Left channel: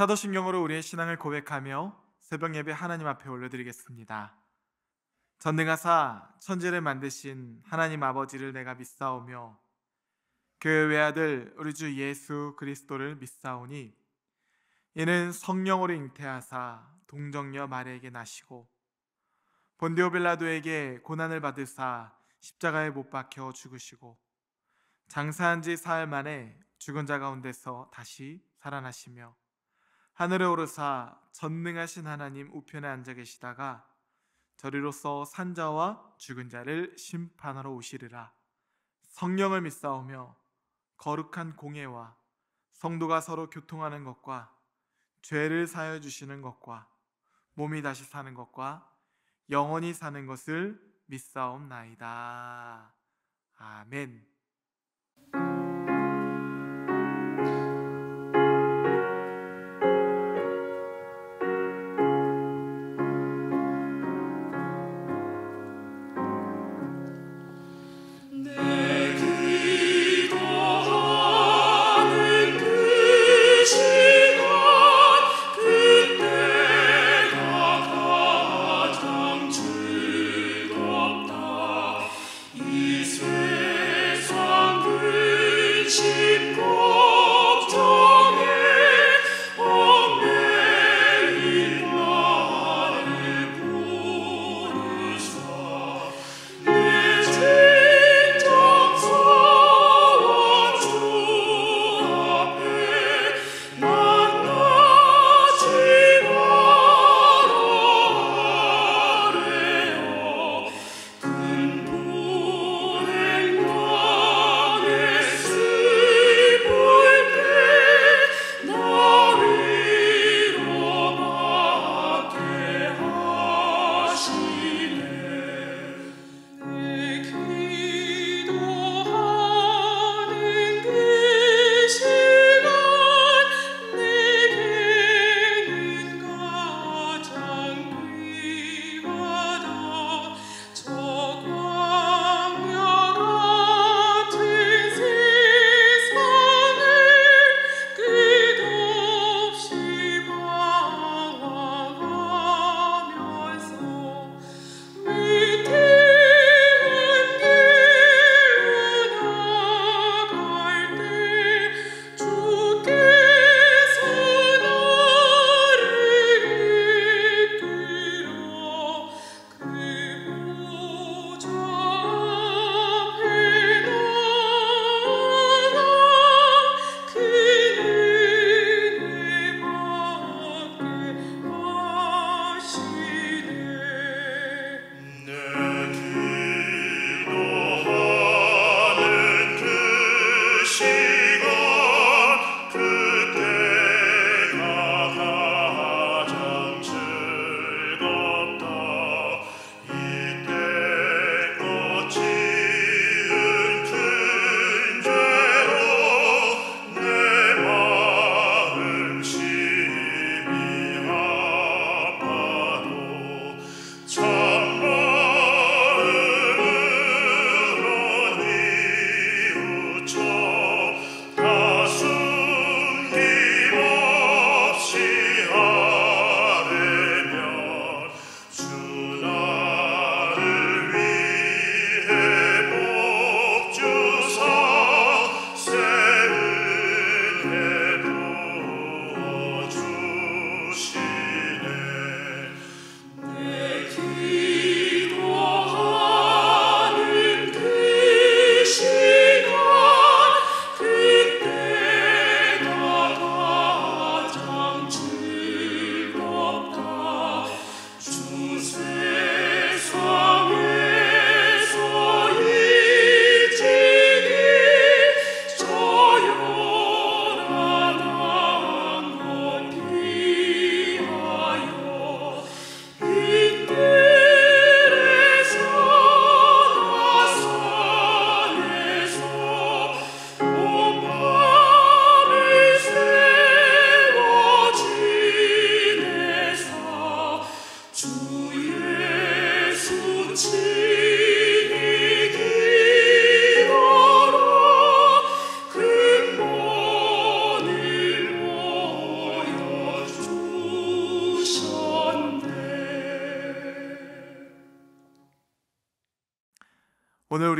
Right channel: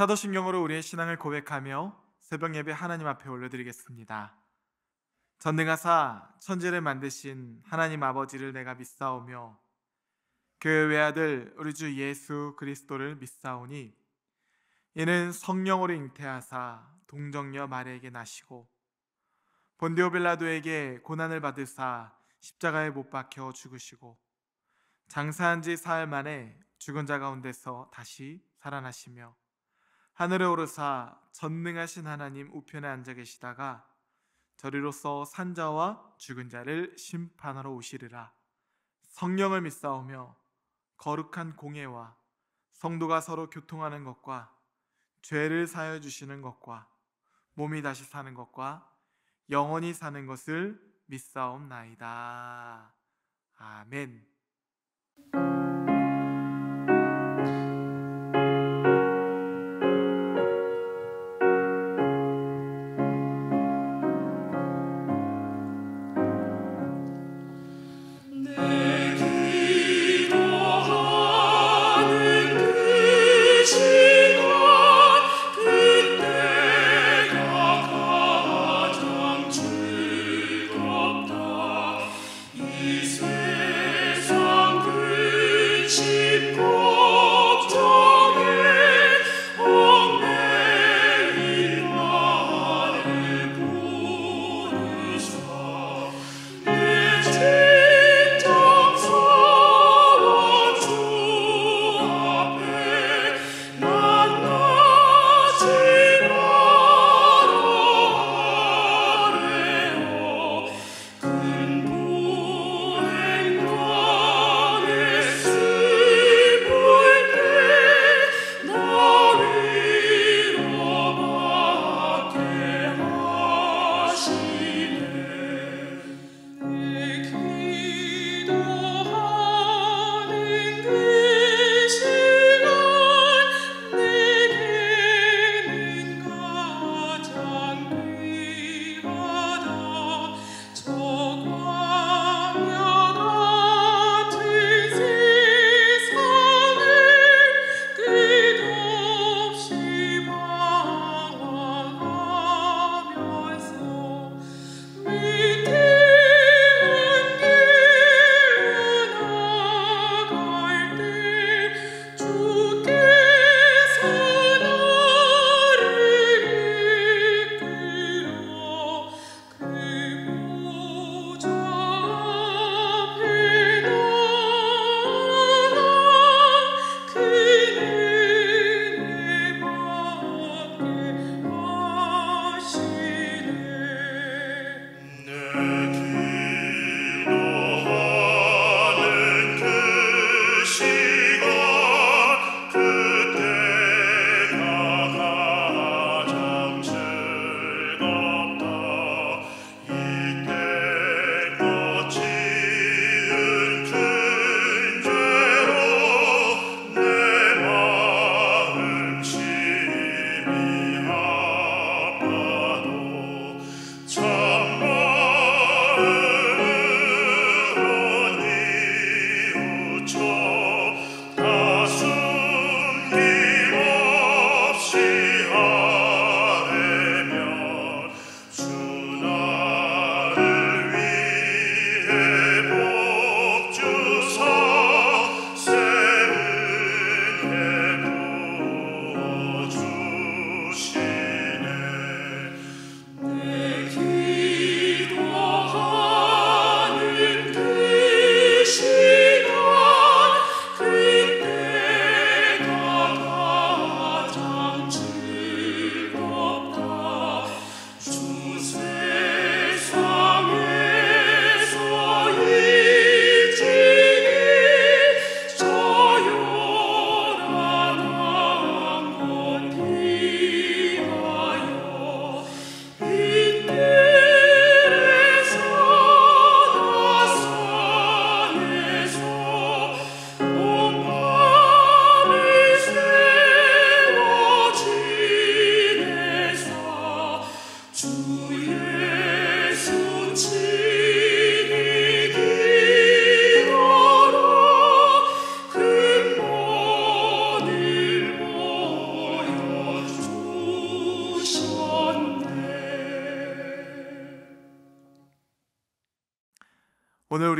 사도신경으로 우리의 신앙을 고백하며 새벽 예배 하나님 앞에 올려드리겠습니다. 전능하사 천지를 만드신 하나님 아버지를 내가 믿사오며 그 외아들 우리 주 예수 그리스도를 믿사오니 이는 성령으로 잉태하사 동정녀 마리아에게 나시고 본디오 빌라도에게 고난을 받으사 십자가에 못 박혀 죽으시고 장사한 지 사흘 만에 죽은 자 가운데서 다시 살아나시며 하늘에 오르사 전능하신 하나님 우편에 앉아 계시다가 저리로서 산자와 죽은 자를 심판하러 오시리라. 성령을 믿사오며 거룩한 공예와 성도가 서로 교통하는 것과 죄를 사하여 주시는 것과 몸이 다시 사는 것과 영원히 사는 것을 믿사옵나이다. 아멘.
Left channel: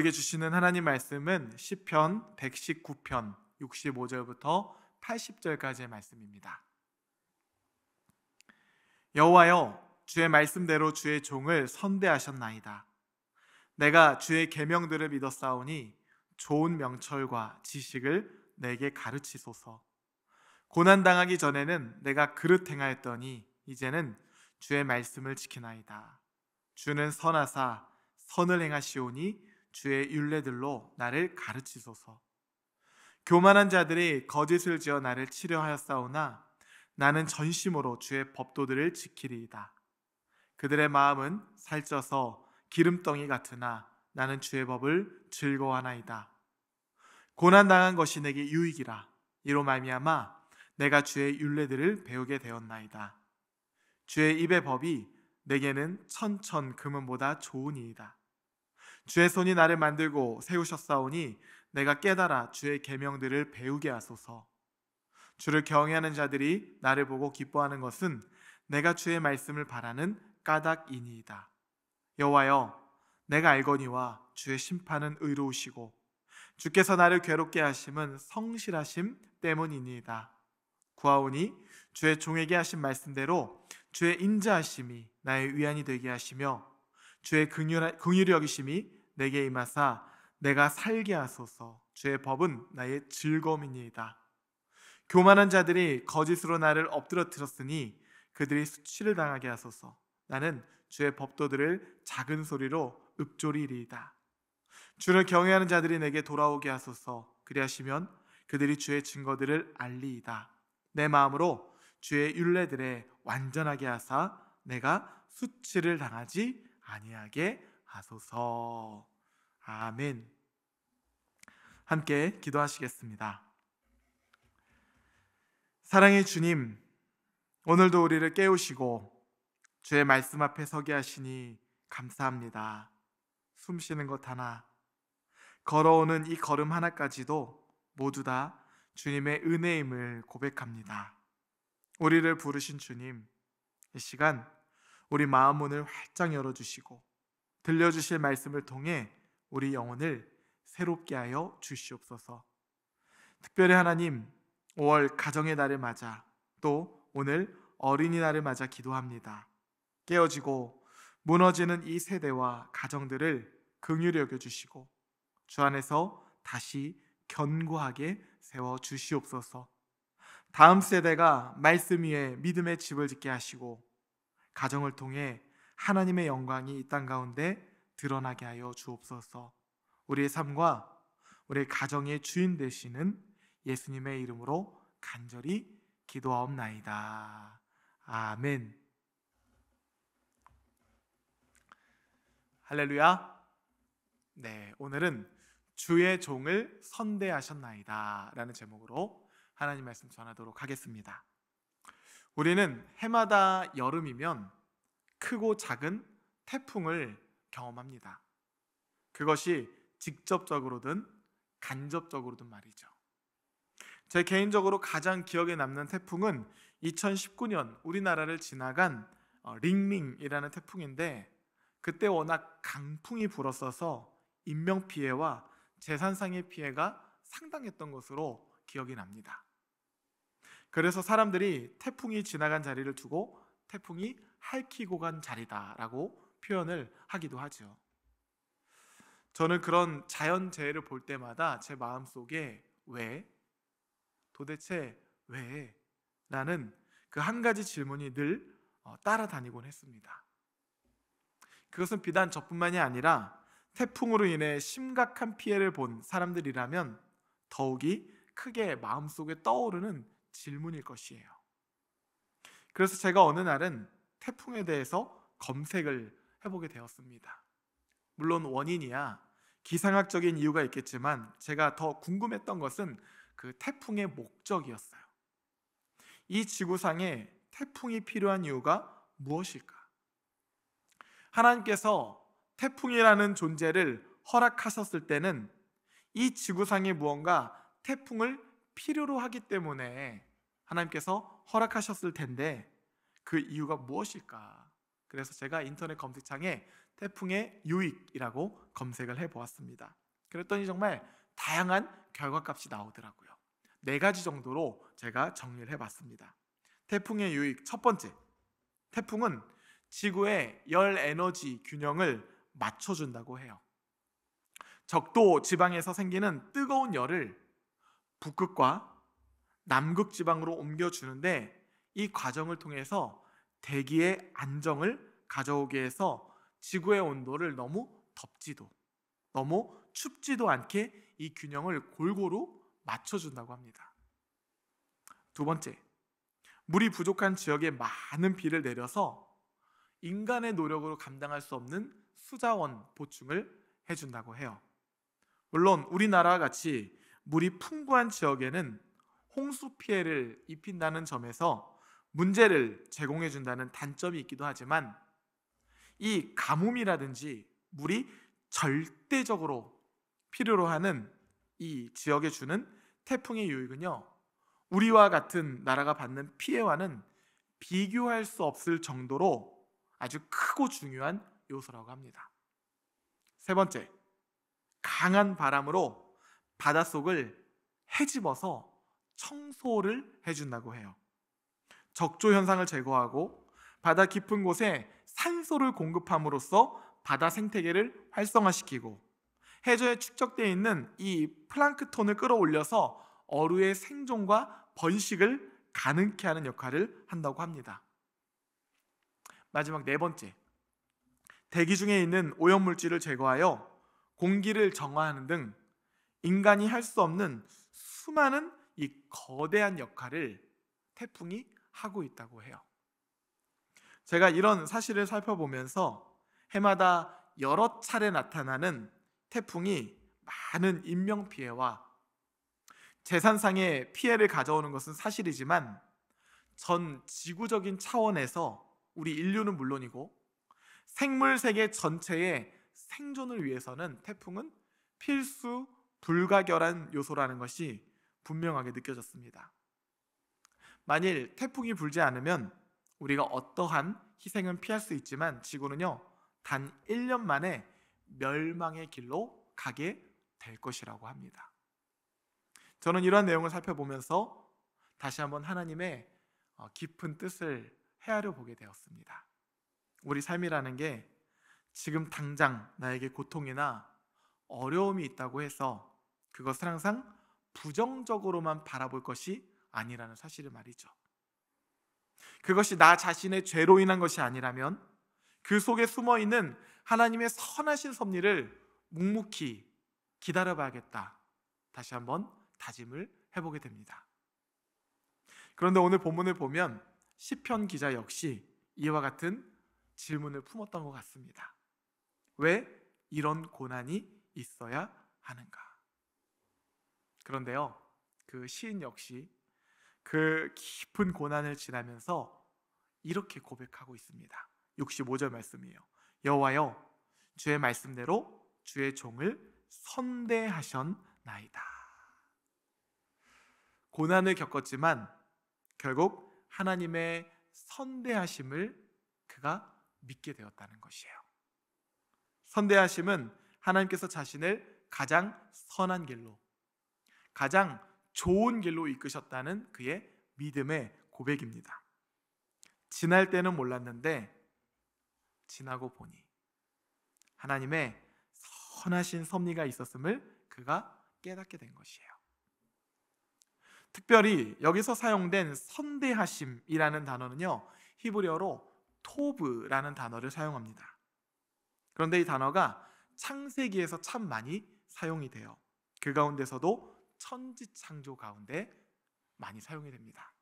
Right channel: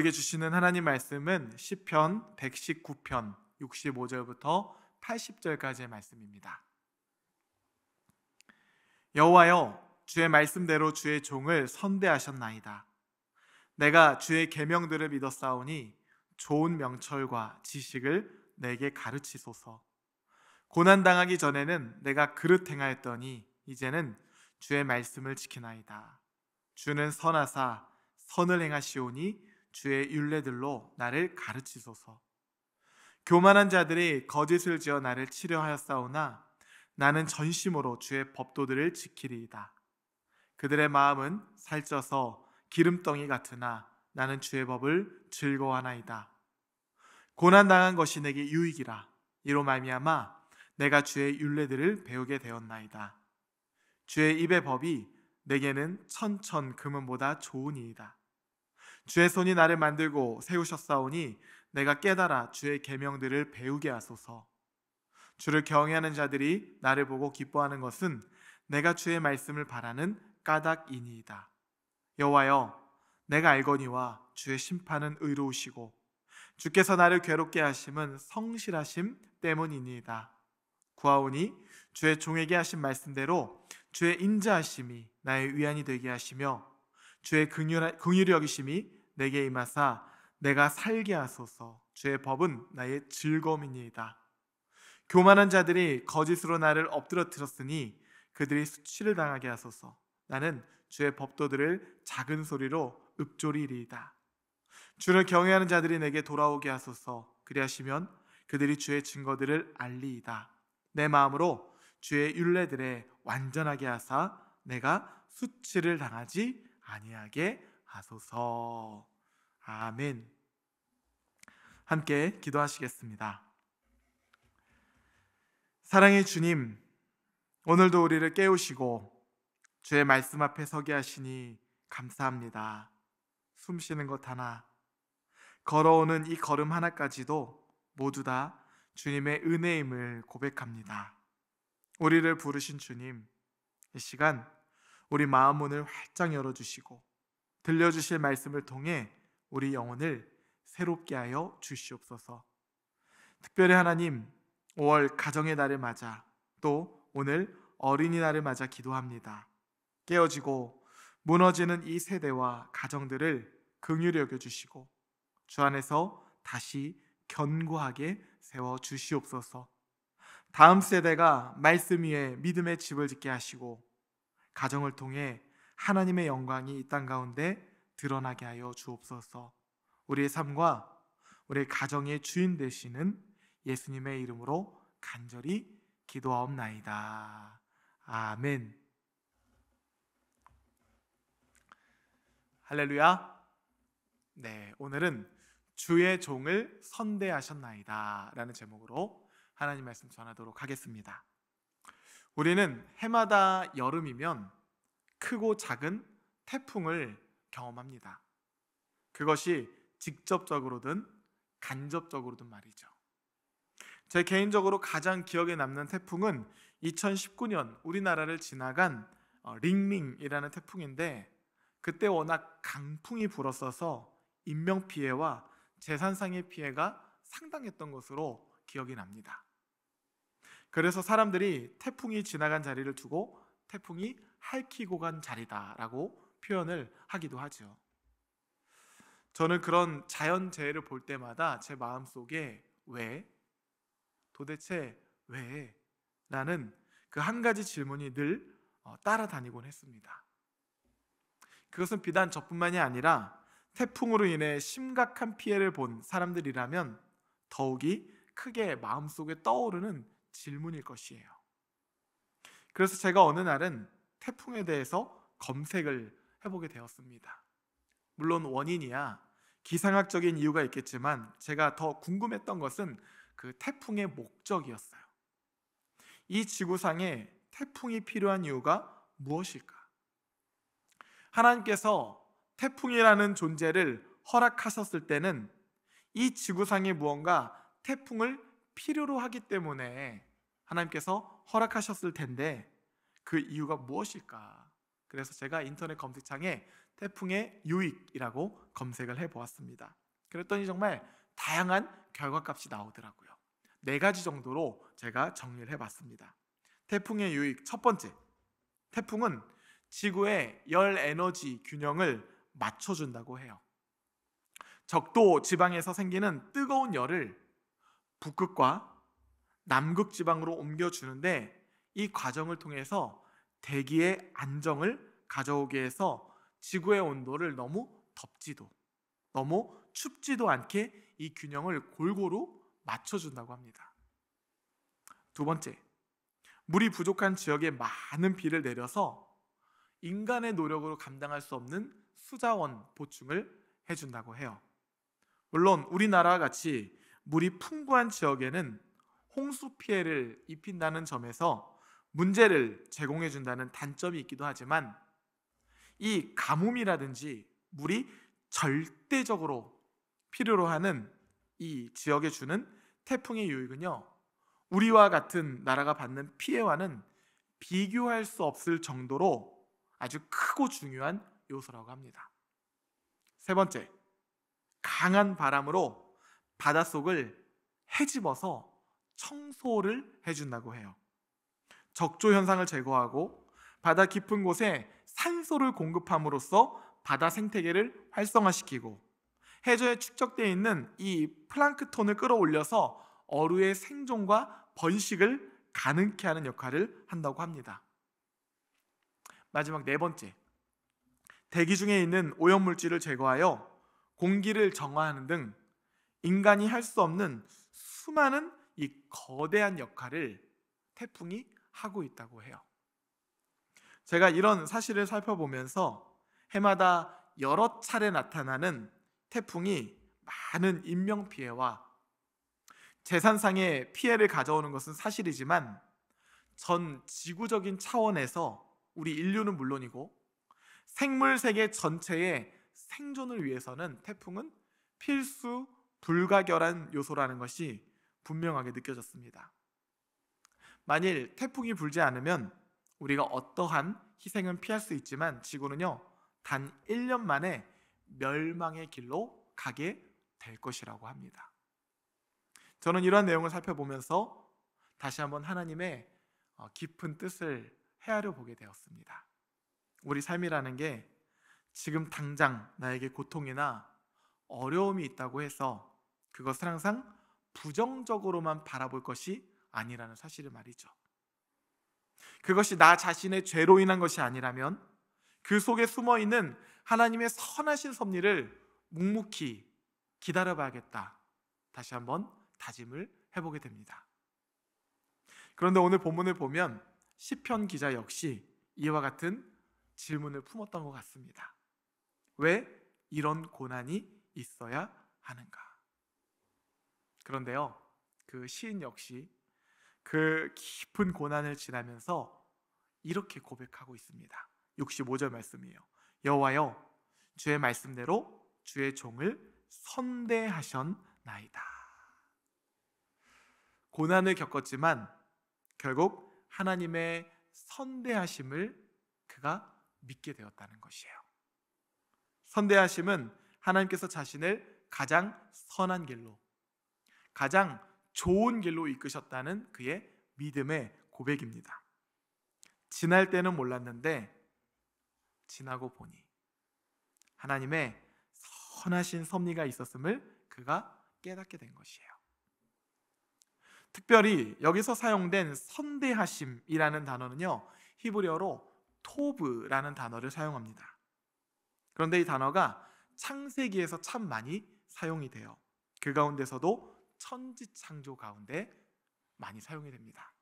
우리에게 주시는 하나님 말씀은 시편 119편 65절부터 80절까지의 말씀입니다. 여호와여, 주의 말씀대로 주의 종을 선대하셨나이다. 내가 주의 계명들을 믿었사오니 좋은 명철과 지식을 내게 가르치소서. 고난당하기 전에는 내가 그릇 행하였더니 이제는 주의 말씀을 지키나이다. 주는 선하사 선을 행하시오니 주의 율례들로 나를 가르치소서. 교만한 자들이 거짓을 지어 나를 치려하였사오나 나는 전심으로 주의 법도들을 지키리이다. 그들의 마음은 살쪄서 기름덩이 같으나 나는 주의 법을 즐거워하나이다. 고난당한 것이 내게 유익이라. 이로 말미암아 내가 주의 율례들을 배우게 되었나이다. 주의 입의 법이 내게는 천천 금은보다 좋으니이다. 주의 손이 나를 만들고 세우셨사오니 내가 깨달아 주의 계명들을 배우게 하소서. 주를 경외하는 자들이 나를 보고 기뻐하는 것은 내가 주의 말씀을 바라는 까닭이니이다. 여호와여, 내가 알거니와 주의 심판은 의로우시고 주께서 나를 괴롭게 하심은 성실하심 때문이니이다. 구하오니 주의 종에게 하신 말씀대로 주의 인자하심이 나의 위안이 되게 하시며 주의 긍휼히 여기심이 내게 임하사 내가 살게 하소서. 주의 법은 나의 즐거움이니이다. 교만한 자들이 거짓으로 나를 엎드러뜨렸으니 그들이 수치를 당하게 하소서. 나는 주의 법도들을 작은 소리로 읊조리리이다. 주를 경외하는 자들이 내게 돌아오게 하소서. 그리하시면 그들이 주의 증거들을 알리이다. 내 마음으로 주의 율례들에 완전하게 하사 내가 수치를 당하지 아니하게 하소서. 아멘. 함께 기도하시겠습니다. 사랑의 주님, 오늘도 우리를 깨우시고 주의 말씀 앞에 서게 하시니 감사합니다. 숨쉬는 것 하나, 걸어오는 이 걸음 하나까지도 모두 다 주님의 은혜임을 고백합니다. 우리를 부르신 주님, 이 시간 우리 마음 문을 활짝 열어주시고 들려주실 말씀을 통해 우리 영혼을 새롭게 하여 주시옵소서. 특별히 하나님, 5월 가정의 날을 맞아 또 오늘 어린이날을 맞아 기도합니다. 깨어지고 무너지는 이 세대와 가정들을 긍휼히 여겨주시고 주 안에서 다시 견고하게 세워주시옵소서. 다음 세대가 말씀 위에 믿음의 집을 짓게 하시고 가정을 통해 하나님의 영광이 이 땅 가운데 드러나게 하여 주옵소서. 우리의 삶과 우리 가정의 주인 되시는 예수님의 이름으로 간절히 기도하옵나이다. 아멘. 할렐루야. 네, 오늘은 주의 종을 선대하셨나이다 라는 제목으로 하나님 말씀 전하도록 하겠습니다. 우리는 해마다 여름이면 크고 작은 태풍을 경험합니다. 그것이 직접적으로든 간접적으로든 말이죠. 제 개인적으로 가장 기억에 남는 태풍은 2019년 우리나라를 지나간 링링이라는 태풍인데, 그때 워낙 강풍이 불었어서 인명피해와 재산상의 피해가 상당했던 것으로 기억이 납니다. 그래서 사람들이 태풍이 지나간 자리를 두고 태풍이 핥히고 간 자리다라고 표현을 하기도 하죠. 저는 그런 자연재해를 볼 때마다 제 마음속에 왜? 도대체 왜? 라는 그 한 가지 질문이 늘 따라다니곤 했습니다. 그것은 비단 저뿐만이 아니라 태풍으로 인해 심각한 피해를 본 사람들이라면 더욱이 크게 마음속에 떠오르는 질문일 것이에요. 그래서 제가 어느 날은 태풍에 대해서 검색을 해보게 되었습니다. 물론 원인이야 기상학적인 이유가 있겠지만 제가 더 궁금했던 것은 그 태풍의 목적이었어요. 이 지구상에 태풍이 필요한 이유가 무엇일까? 하나님께서 태풍이라는 존재를 허락하셨을 때는 이 지구상에 무언가 태풍을 필요로 하기 때문에 하나님께서 허락하셨을 텐데 그 이유가 무엇일까? 그래서 제가 인터넷 검색창에 태풍의 유익이라고 검색을 해보았습니다. 그랬더니 정말 다양한 결과값이 나오더라고요. 4가지 정도로 제가 정리를 해봤습니다. 태풍의 유익, 첫 번째, 태풍은 지구의 열 에너지 균형을 맞춰준다고 해요. 적도 지방에서 생기는 뜨거운 열을 북극과 남극 지방으로 옮겨주는데, 이 과정을 통해서 대기의 안정을 가져오게 해서 지구의 온도를 너무 덥지도 너무 춥지도 않게 이 균형을 골고루 맞춰준다고 합니다. 두 번째, 물이 부족한 지역에 많은 비를 내려서 인간의 노력으로 감당할 수 없는 수자원 보충을 해준다고 해요. 물론 우리나라와 같이 물이 풍부한 지역에는 홍수 피해를 입힌다는 점에서 문제를 제공해준다는 단점이 있기도 하지만, 이 가뭄이라든지 물이 절대적으로 필요로 하는 이 지역에 주는 태풍의 유익은요, 우리와 같은 나라가 받는 피해와는 비교할 수 없을 정도로 아주 크고 중요한 요소라고 합니다. 세 번째, 강한 바람으로 바닷속을 헤집어서 청소를 해준다고 해요. 적조 현상을 제거하고 바다 깊은 곳에 산소를 공급함으로써 바다 생태계를 활성화시키고, 해저에 축적되어 있는 이 플랑크톤을 끌어올려서 어류의 생존과 번식을 가능케 하는 역할을 한다고 합니다. 마지막 4번째, 대기 중에 있는 오염물질을 제거하여 공기를 정화하는 등 인간이 할 수 없는 수많은 이 거대한 역할을 태풍이 하고 있다고 해요. 제가 이런 사실을 살펴보면서 해마다 여러 차례 나타나는 태풍이 많은 인명피해와 재산상의 피해를 가져오는 것은 사실이지만, 전 지구적인 차원에서 우리 인류는 물론이고 생물 세계 전체의 생존을 위해서는 태풍은 필수 불가결한 요소라는 것이 분명하게 느껴졌습니다. 만일 태풍이 불지 않으면 우리가 어떠한 희생은 피할 수 있지만, 지구는요 단 1년 만에 멸망의 길로 가게 될 것이라고 합니다. 저는 이러한 내용을 살펴보면서 다시 한번 하나님의 깊은 뜻을 헤아려 보게 되었습니다. 우리 삶이라는 게 지금 당장 나에게 고통이나 어려움이 있다고 해서 그것을 항상 부정적으로만 바라볼 것이 아니라는 사실을 말이죠. 그것이 나 자신의 죄로 인한 것이 아니라면 그 속에 숨어있는 하나님의 선하신 섭리를 묵묵히 기다려봐야겠다, 다시 한번 다짐을 해보게 됩니다. 그런데 오늘 본문을 보면 시편 기자 역시 이와 같은 질문을 품었던 것 같습니다. 왜 이런 고난이 있어야 하는가? 그런데요, 그 시인 역시 그 깊은 고난을 지나면서 이렇게 고백하고 있습니다. 65절 말씀이에요. 여호와여, 주의 말씀대로 주의 종을 선대하셨나이다. 고난을 겪었지만 결국 하나님의 선대하심을 그가 믿게 되었다는 것이에요. 선대하심은 하나님께서 자신을 가장 선한 길로, 가장 좋은 길로 이끄셨다는 그의 믿음의 고백입니다. 지날 때는 몰랐는데 지나고 보니 하나님의 선하신 섭리가 있었음을 그가 깨닫게 된 것이에요. 특별히 여기서 사용된 선대하심이라는 단어는요, 히브리어로 토브라는 단어를 사용합니다. 그런데 이 단어가 창세기에서 참 많이 사용이 돼요. 그 가운데서도 천지창조 가운데 많이 사용이 됩니다.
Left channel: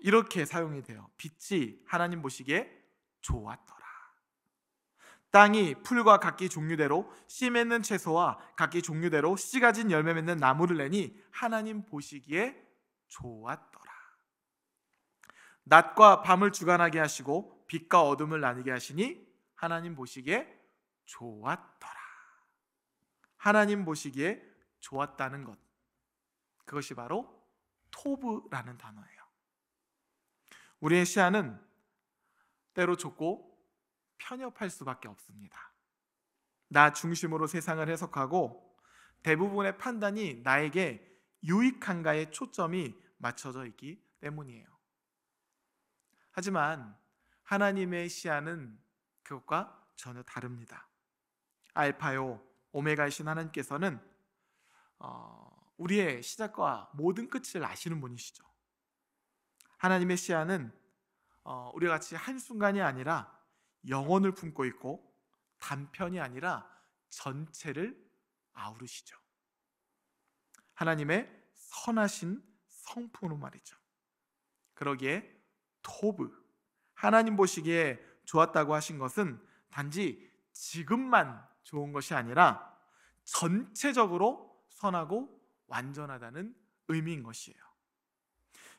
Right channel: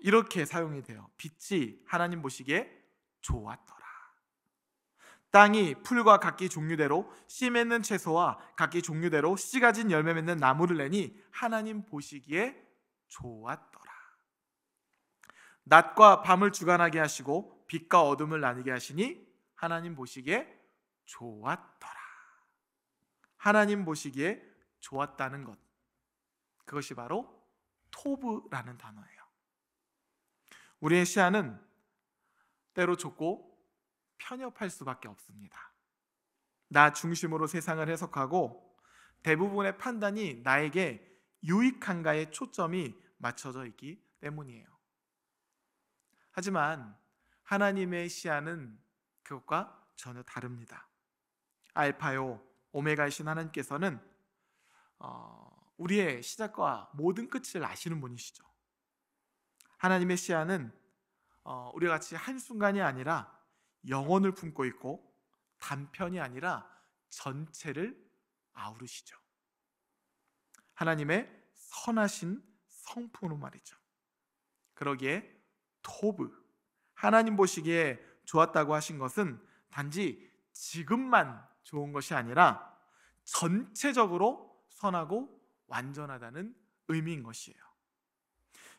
이렇게 사용이 돼요. 빛이 하나님 보시기에 좋았더라. 땅이 풀과 각기 종류대로 씨 맺는 채소와 각기 종류대로 씨 가진 열매 맺는 나무를 내니 하나님 보시기에 좋았더라. 낮과 밤을 주관하게 하시고 빛과 어둠을 나뉘게 하시니 하나님 보시기에 좋았더라. 하나님 보시기에 좋았다는 것, 그것이 바로 토브라는 단어예요. 우리의 시야는 때로 좁고 편협할 수밖에 없습니다. 나 중심으로 세상을 해석하고 대부분의 판단이 나에게 유익한가에 초점이 맞춰져 있기 때문이에요. 하지만 하나님의 시야는 그것과 전혀 다릅니다. 알파요 오메가이신 하나님께서는 우리의 시작과 모든 끝을 아시는 분이시죠. 하나님의 시야는 우리가 같이 한순간이 아니라 영혼을 품고 있고 단편이 아니라 전체를 아우르시죠. 하나님의 선하신 성품으로 말이죠. 그러기에 토브, 하나님 보시기에 좋았다고 하신 것은 단지 지금만 좋은 것이 아니라 전체적으로 선하고 완전하다는 의미인 것이에요.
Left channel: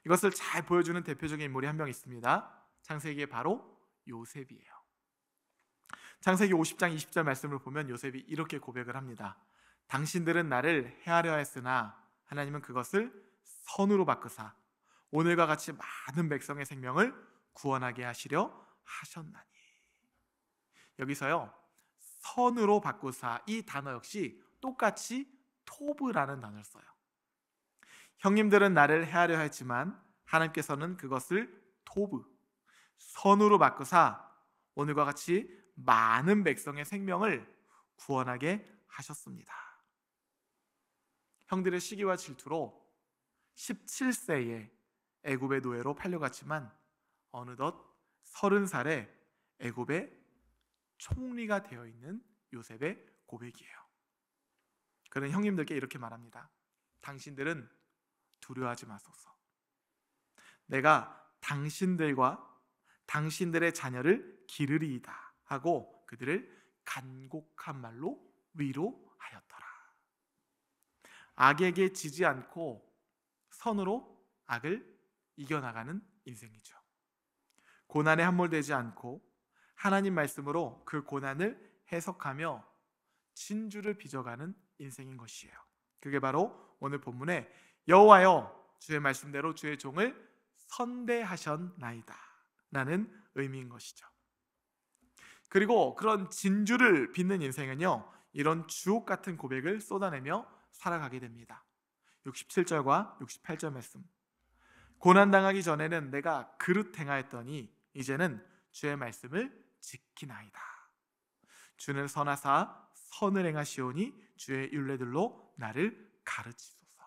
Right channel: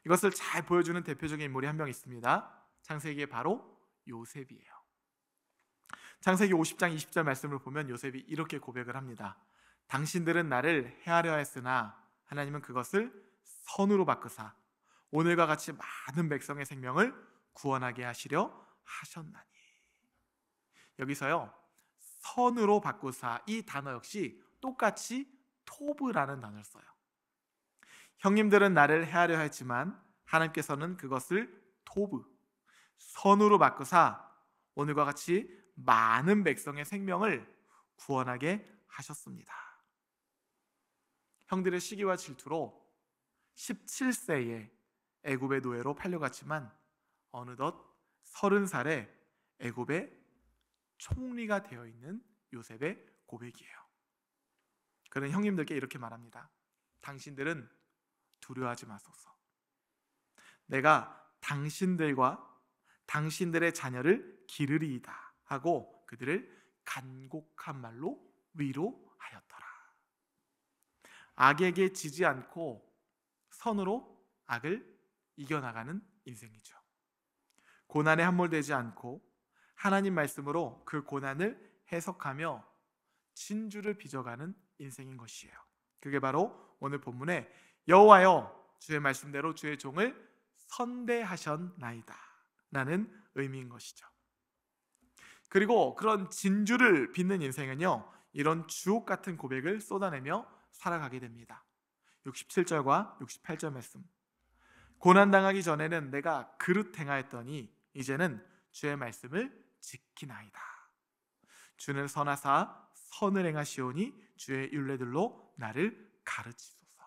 이것을 잘 보여주는 대표적인 인물이 한 명 있습니다. 창세기에 바로 요셉이에요. 창세기 50장 20절 말씀을 보면 요셉이 이렇게 고백을 합니다. 당신들은 나를 해하려 했으나 하나님은 그것을 선으로 바꾸사 오늘과 같이 많은 백성의 생명을 구원하게 하시려 하셨나니. 여기서요, 선으로 바꾸사, 이 단어 역시 똑같이 토브라는 단어를 써요. 형님들은 나를 해하려 했지만 하나님께서는 그것을 토브, 선으로 바꾸사 오늘과 같이 많은 백성의 생명을 구원하게 하셨습니다. 형들의 시기와 질투로 17세에 애굽의 노예로 팔려갔지만 어느덧 30살에 애굽의 총리가 되어 있는 요셉의 고백이에요. 그는 형님들께 이렇게 말합니다. 당신들은 두려워하지 마소서. 내가 당신들과 당신들의 자녀를 기르리이다 하고 그들을 간곡한 말로 위로하였더라. 악에게 지지 않고 선으로 악을 이겨나가는 인생이죠. 고난에 함몰되지 않고 하나님 말씀으로 그 고난을 해석하며 진주를 빚어가는 인생인 것이에요. 그게 바로 오늘 본문의 여호와여 주의 말씀대로 주의 종을 선대하셨나이다 라는 의미인 것이죠. 그리고 그런 진주를 빚는 인생은요, 이런 주옥 같은 고백을 쏟아내며 살아가게 됩니다. 67절과 68절 말씀. 고난당하기 전에는 내가 그릇 행하였더니 이제는 주의 말씀을 지키나이다. 주는 선하사 선을 행하시오니 주의 율례들로 나를 가르치소서.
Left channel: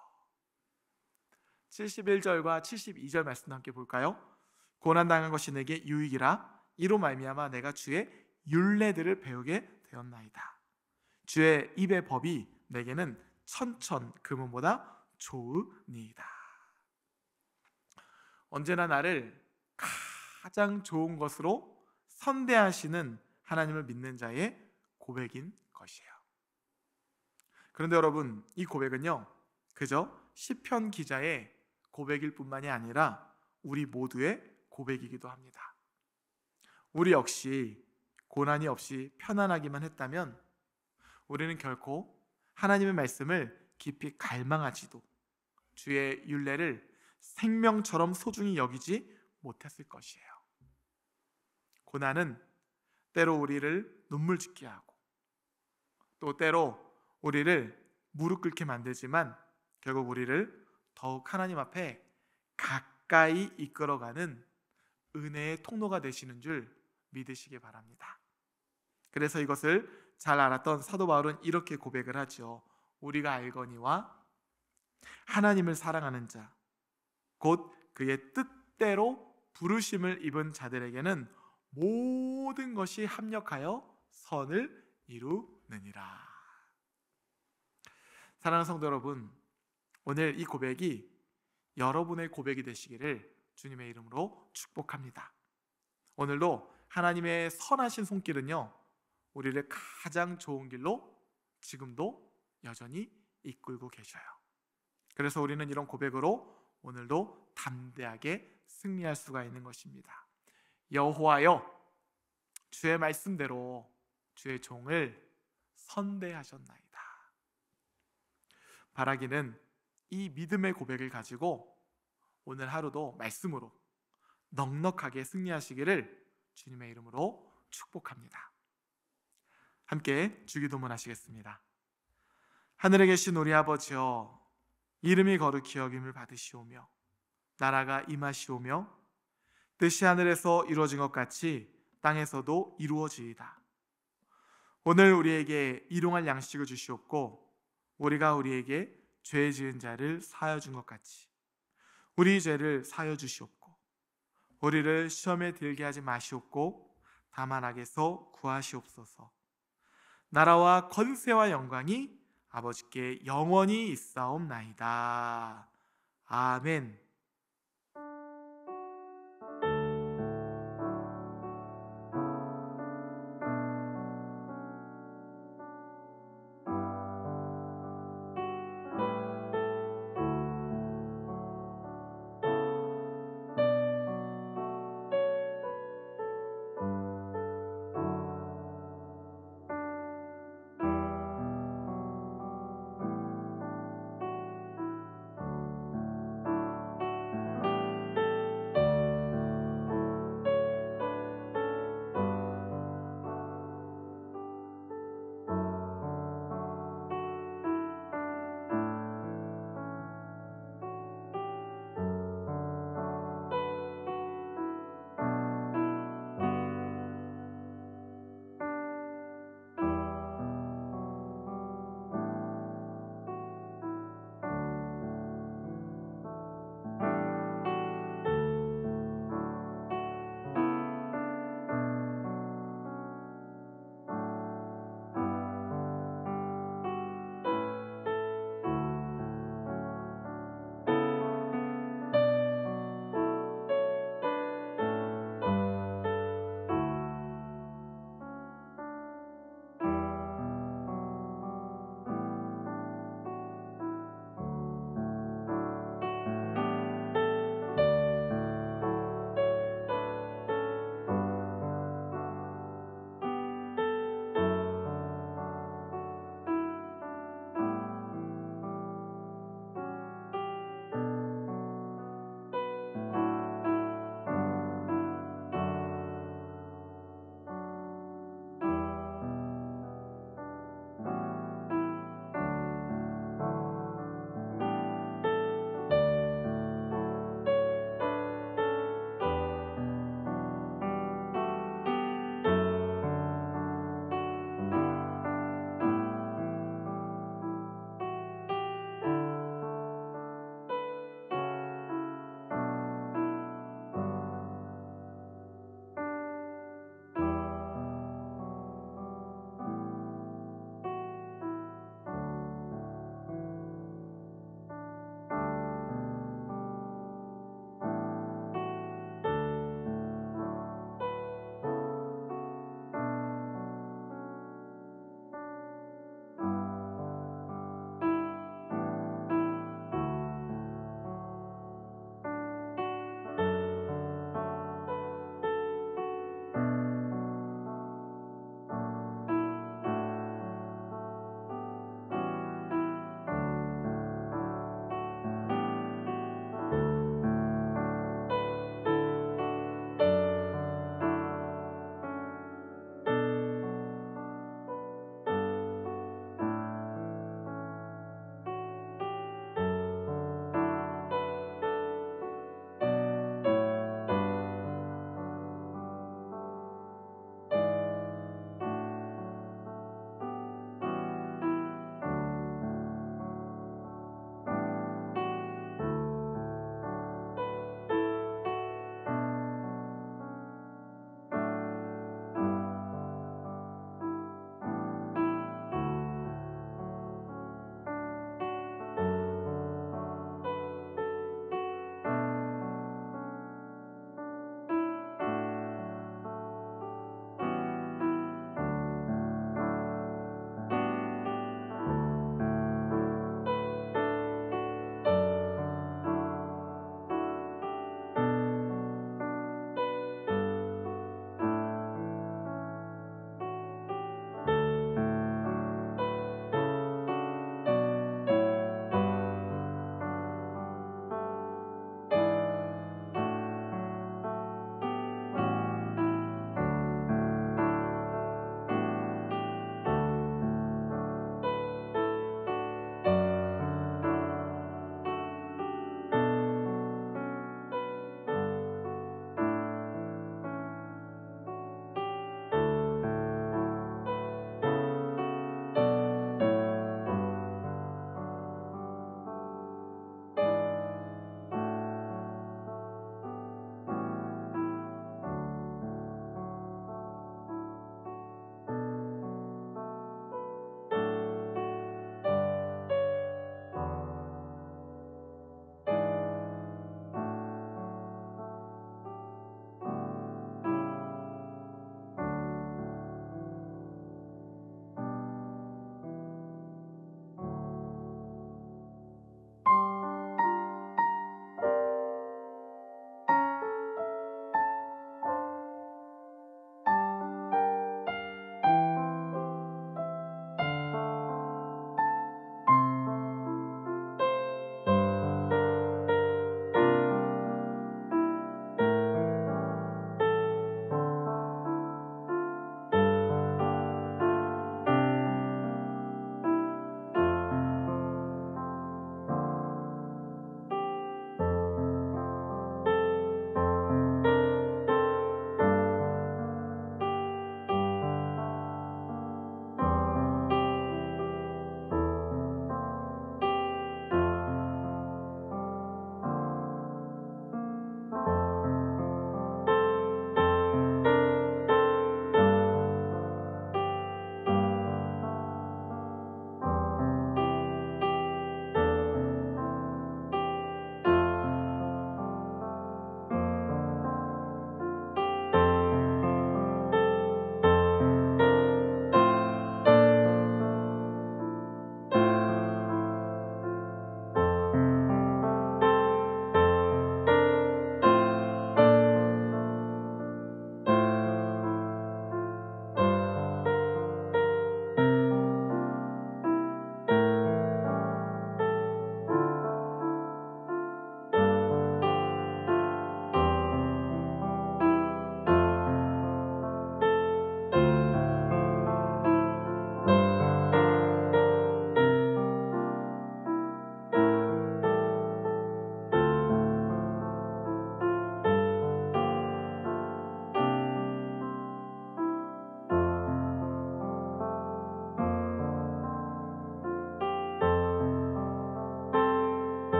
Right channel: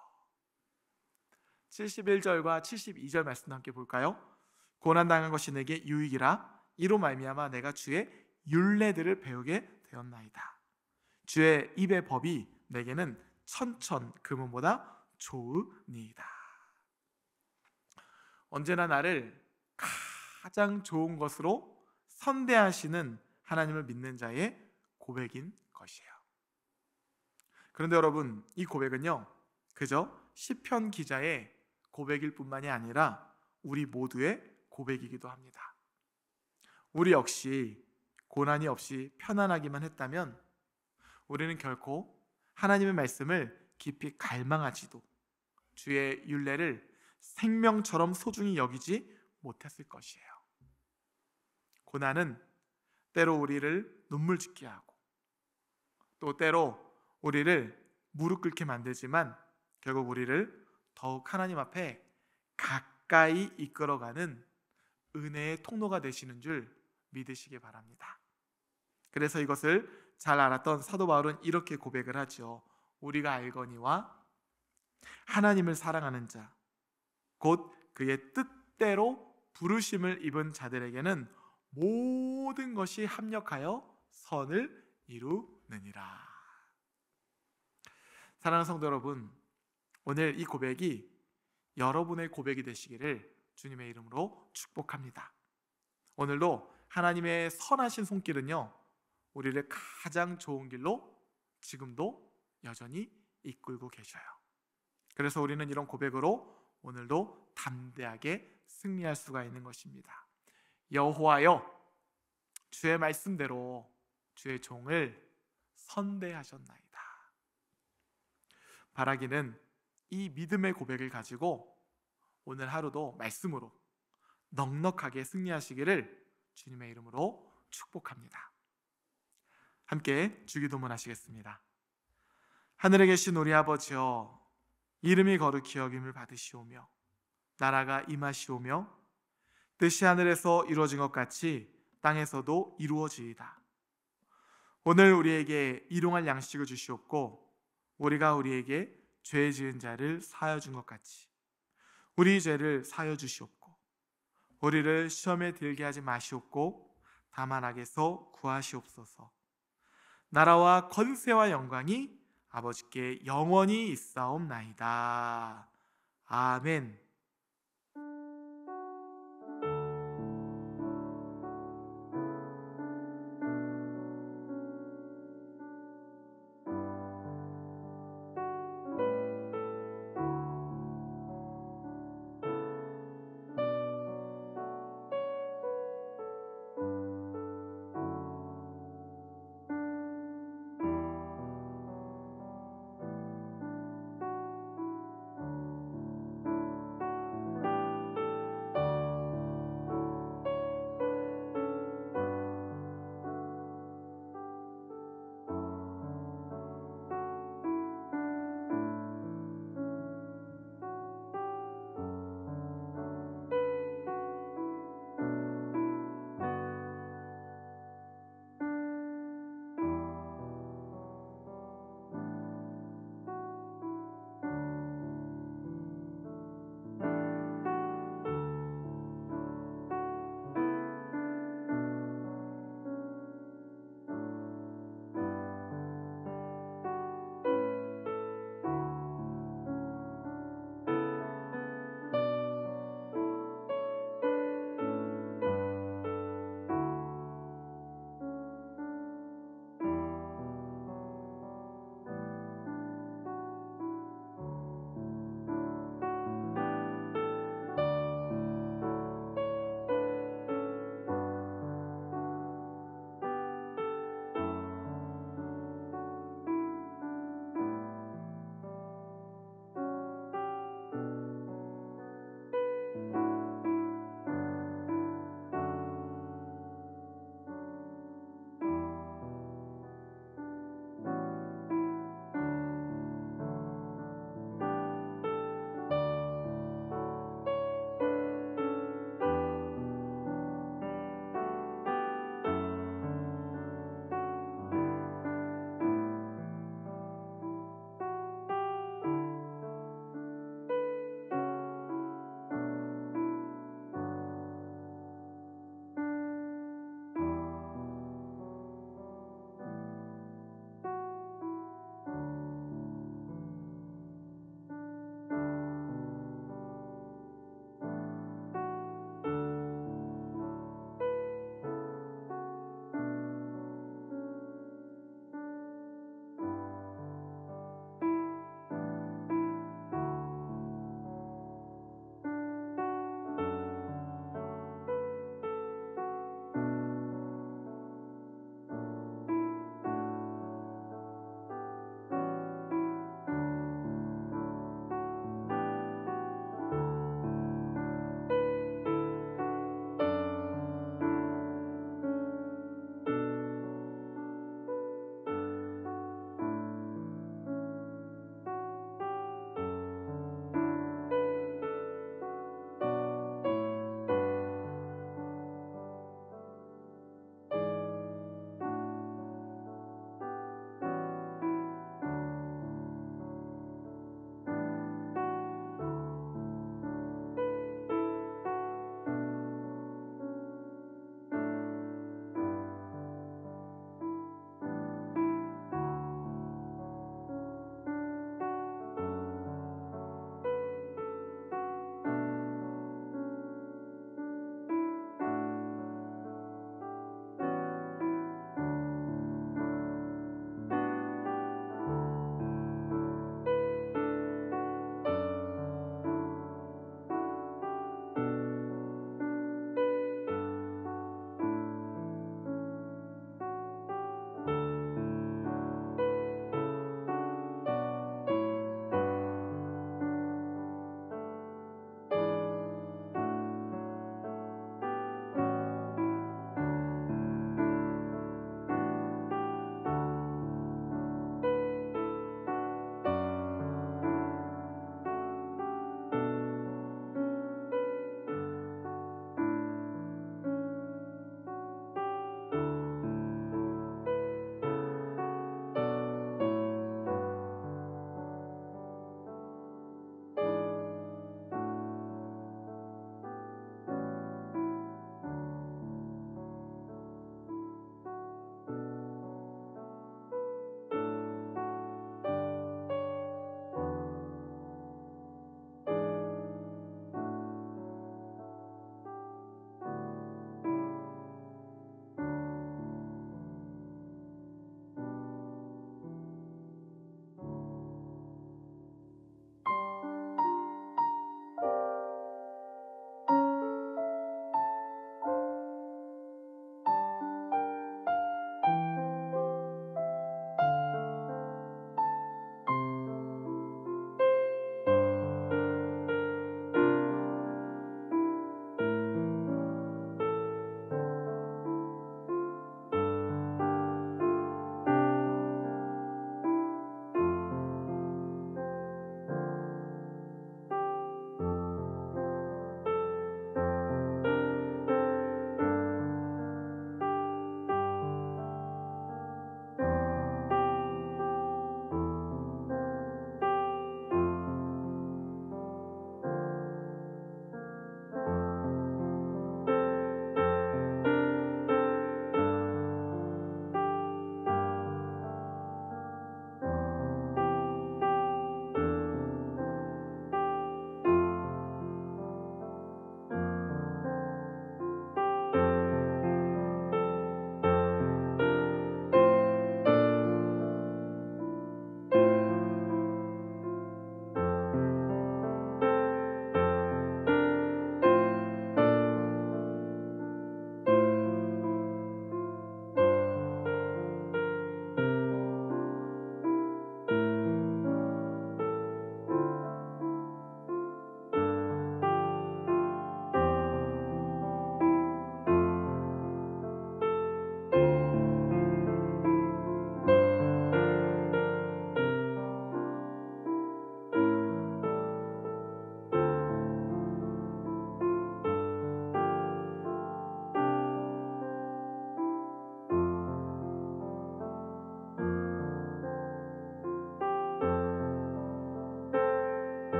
71절과 72절 말씀 함께 볼까요? 고난당한 것이 내게 유익이라 이로 말미암아 내가 주의 율례들을 배우게 되었나이다. 주의 입의 법이 내게는 천천 금은보다 좋으니이다. 언제나 나를 가장 좋은 것으로 선대하시는 하나님을 믿는 자의 고백인 것이에요. 그런데 여러분, 이 고백은요, 그저 시편 기자의 고백일 뿐만이 아니라 우리 모두의 고백이기도 합니다. 우리 역시 고난이 없이 편안하기만 했다면 우리는 결코 하나님의 말씀을 깊이 갈망하지도 주의 율례를 생명처럼 소중히 여기지 못했을 것이에요. 고난은 때로 우리를 눈물 짓게 하고 또 때로 우리를 무릎 꿇게 만들지만 결국 우리를 더욱 하나님 앞에 가까이 이끌어가는 은혜의 통로가 되시는 줄 믿으시기 바랍니다. 그래서 이것을 잘 알았던 사도 바울은 이렇게 고백을 하죠. 우리가 알거니와 하나님을 사랑하는 자 곧 그의 뜻대로 부르심을 입은 자들에게는 모든 것이 합력하여 선을 이루느니라. 사랑하는 성도 여러분, 오늘 이 고백이 여러분의 고백이 되시기를 주님의 이름으로 축복합니다. 오늘도 하나님의 선하신 손길은요, 우리를 가장 좋은 길로 지금도 여전히 이끌고 계셔요. 그래서 우리는 이런 고백으로 오늘도 담대하게 승리할 수가 있는 것입니다. 여호와여 주의 말씀대로 주의 종을 선대하셨나이다. 바라기는 이 믿음의 고백을 가지고 오늘 하루도 말씀으로 넉넉하게 승리하시기를 주님의 이름으로 축복합니다. 함께 주기도문 하시겠습니다. 하늘에 계신 우리 아버지여, 이름이 거룩히 여김을 받으시오며 나라가 임하시오며 뜻이 하늘에서 이루어진 것 같이 땅에서도 이루어지이다. 오늘 우리에게 일용할 양식을 주시옵고 우리가 우리에게 죄 지은 자를 사하여 준 것 같이 우리 죄를 사하여 주시옵고 우리를 시험에 들게 하지 마시옵고 다만 악에서 구하시옵소서. 나라와 권세와 영광이 아버지께 영원히 있사옵나이다. 아멘.